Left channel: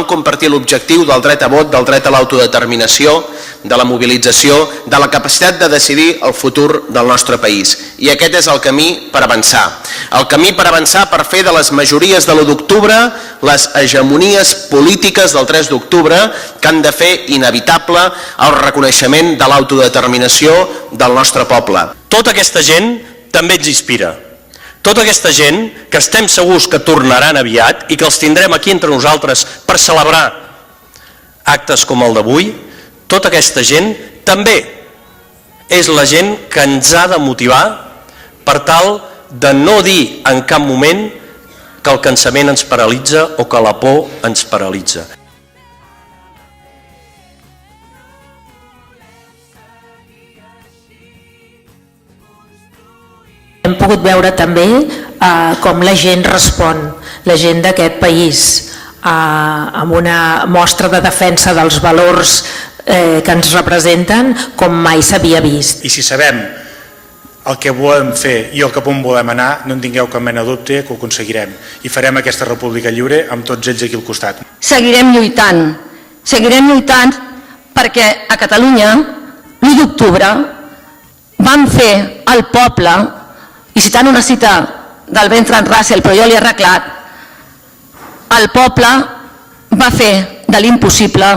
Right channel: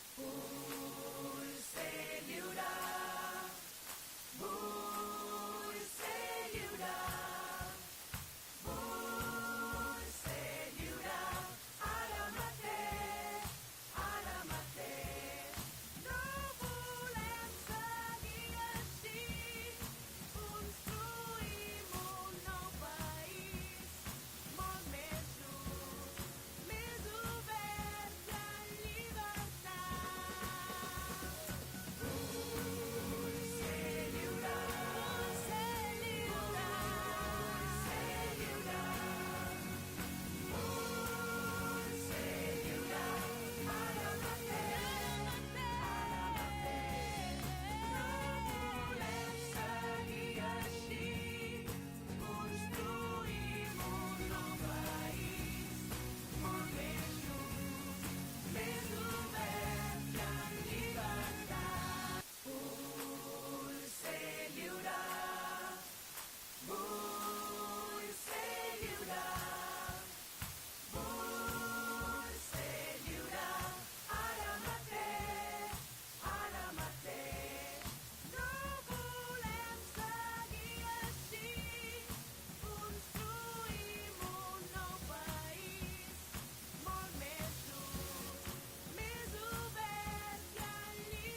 vam compartir l'objectiu del dret a vot, del dret a l'autodeterminació, de la mobilització, de la capacitat de decidir el futur del nostre país. I aquest és el camí per avançar. El camí per avançar per fer de les majories de l'1 d'octubre les hegemonies polítiques del 3 d'octubre que han de fer inevitable el reconeixement de l'autodeterminació del nostre poble. Tota aquesta gent també ens inspira. Tota aquesta gent que estem segurs que tornaran aviat i que els tindrem aquí entre nosaltres per celebrar actes com el d'avui, tota aquesta gent també és la gent que ens ha de motivar per tal de no dir en cap moment que el cansament ens paralitza o que la por ens paralitza. Hem pogut veure també com la gent respon, la gent d'aquest país, amb una mostra de defensa dels valors que ens representen com mai s'havia vist. I si sabem el que volem fer i el cap on volem anar, no en tingueu cap mena de dubte que ho aconseguirem. I farem aquesta república lliure amb tots ells aquí al costat. Seguirem lluitant perquè a Catalunya l'1 d'octubre vam fer el poble, i citant una cita del Bertrand Russell, però jo l'he arreglat, el poble va fer de l'impossible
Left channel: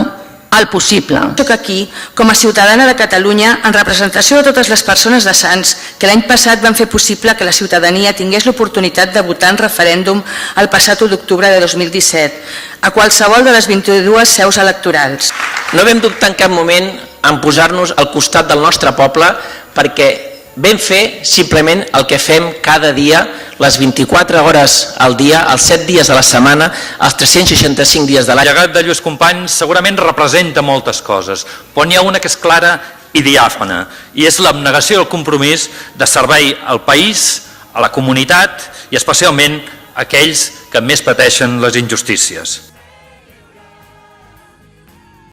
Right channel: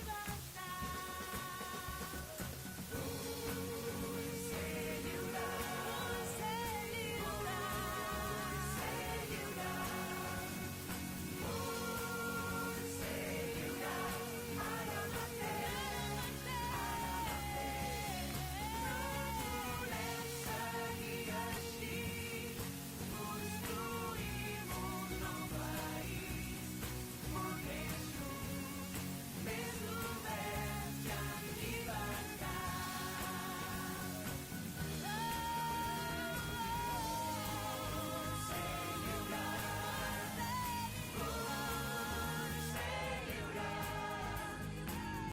el possible. Soc aquí com a ciutadana de Catalunya en representació de totes les persones de Sants que l'any passat van fer possible que la ciutadania tingués l'oportunitat de votar en referèndum el passat 1 d'octubre de 2017 a qualsevol de les 22 seus electorals. No vam dubtar en cap moment en posar-nos al costat del nostre poble perquè vam fer simplement el que fem cada dia, les 24 hores al dia, els 7 dies de la setmana, els 365 dies de l'any. El llegat de Lluís Companys segurament representa moltes coses, però n'hi ha una que és clara i diàfana, i és l'abnegació del compromís de servei al país, a la comunitat i especialment a aquells que més pateixen les injustícies.